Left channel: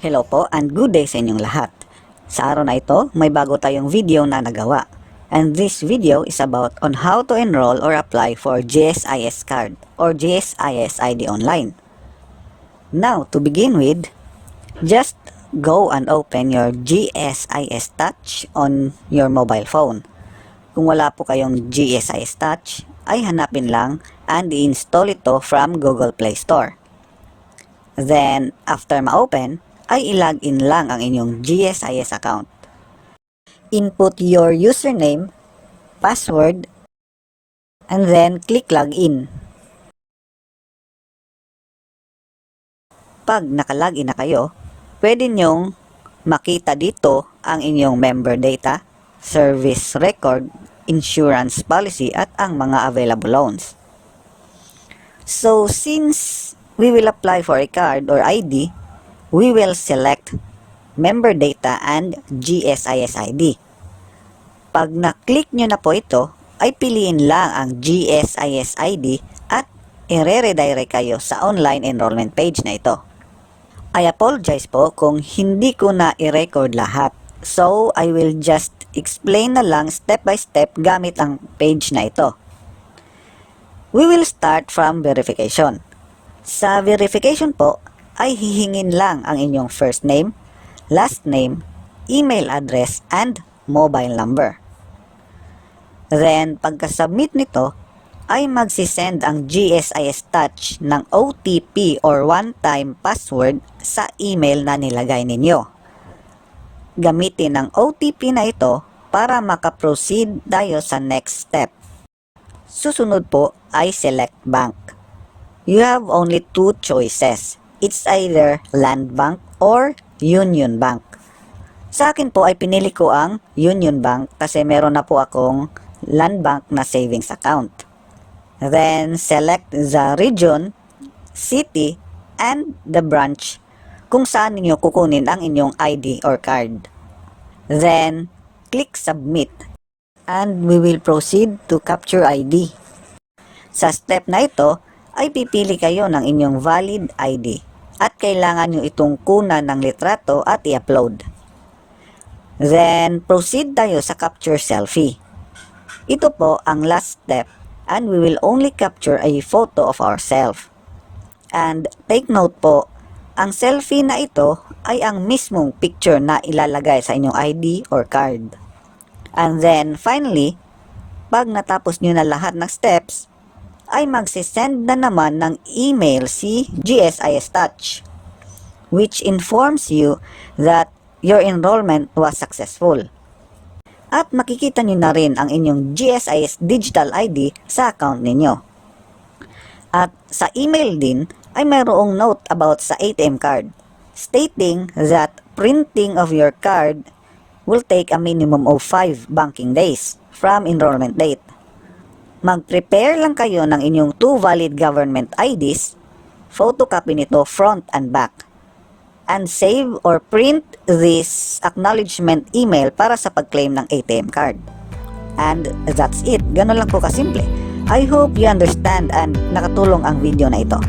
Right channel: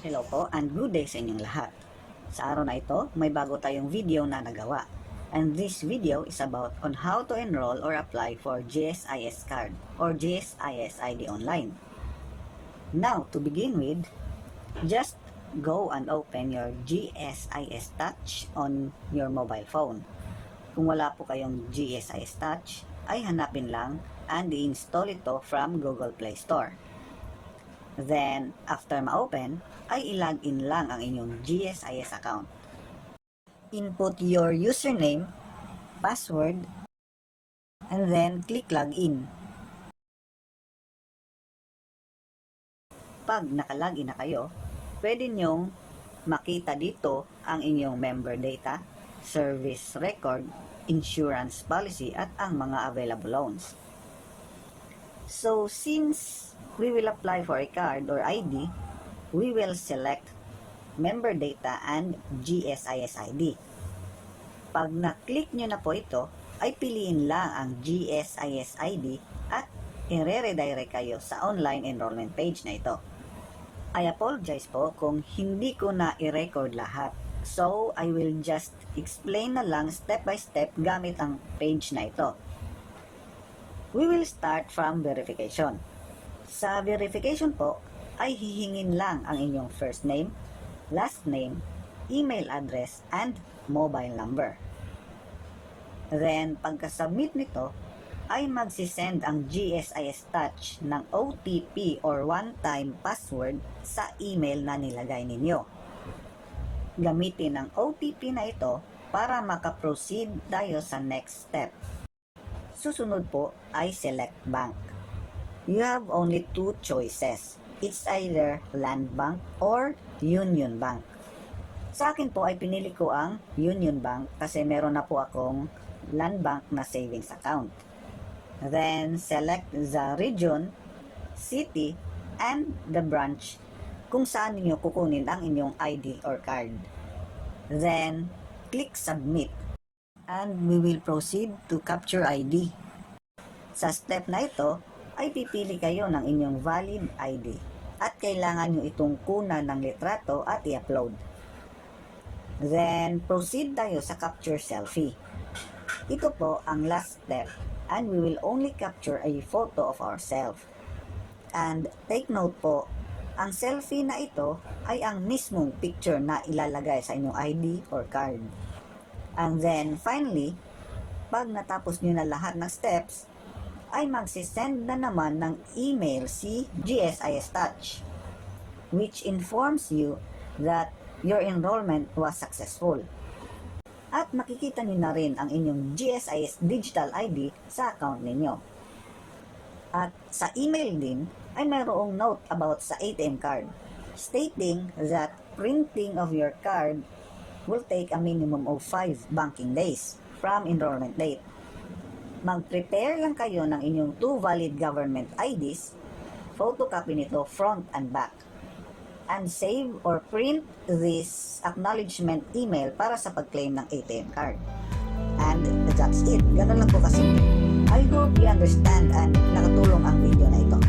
Hello po and good day sa inyong lahat. Sa araw na ito, may bago tayong video na nagawa. And this video is about on how to enroll or apply for GSIS card or GSIS ID online. Now, to begin with, just go and open your GSIS Touch on your mobile phone. Kung wala po kayong GSIS Touch, ay hanapin lang and i-install ito from Google Play Store. Then, after ma-open, ay i-login lang ang inyong GSIS account. Input your username, password, and then click login. Pag nakalogin na kayo, pwede nyong makita dito ang inyong member data, service record, insurance policy, at ang mga available loans. So, since we will apply for a card or ID, we will select member data and GSIS ID. Pag na-click nyo na po ito, ay piliin lang ang GSIS ID at i-redirect kayo sa online enrollment page na ito. I apologize po kung hindi ko na i-record lahat. So, I will just explain na lang step by step gamit ang page na ito. We will start from verification. Sa verification po, ay hihingin lang ang inyong first name, last name, email address, and mobile number. Then, pagka-submit nito, ay magsisend ang GSIS Touch ng OTP or one-time password sa email na nilagay ninyo. Gamitin ang OTP na ito para makaproceed tayo sa next step. Susunod po ay select bank. You have only two choices. It's either Land Bank or Union Bank. Sa akin po ay pinili ko ang Union Bank kasi meron na po akong Land Bank na savings account. Then, select the region, city, and the branch kung saan ninyo kukunin ang inyong ID or card. Then, click Submit and we will proceed to capture ID. Sa step na ito, ay pipili kayo ng inyong valid ID at kailangan nyo itong kunan ng litrato at i-upload. Then, proceed tayo sa capture selfie. Ito po ang last step and we will only capture a photo of ourselves. And take note po, ang selfie na ito ay ang mismong picture na ilalagay sa inyong ID or card. And then, finally, pag natapos nyo na lahat ng steps, ay magsisend na naman ng email si GSIS Touch, which informs you that your enrollment was successful. At makikita nyo na rin ang inyong GSIS Digital ID sa account ninyo. At sa email din ay mayroong note about sa ATM card, stating that printing of your card will take a minimum of 5 banking days from enrollment date. Mag-prepare lang kayo ng inyong 2 valid government IDs, photocopy nito front and back, and save or print this acknowledgement email para sa pag-claim ng ATM card. And that's it. Ganun lang po kasimple. I hope you understand and nakatulong ang video na ito.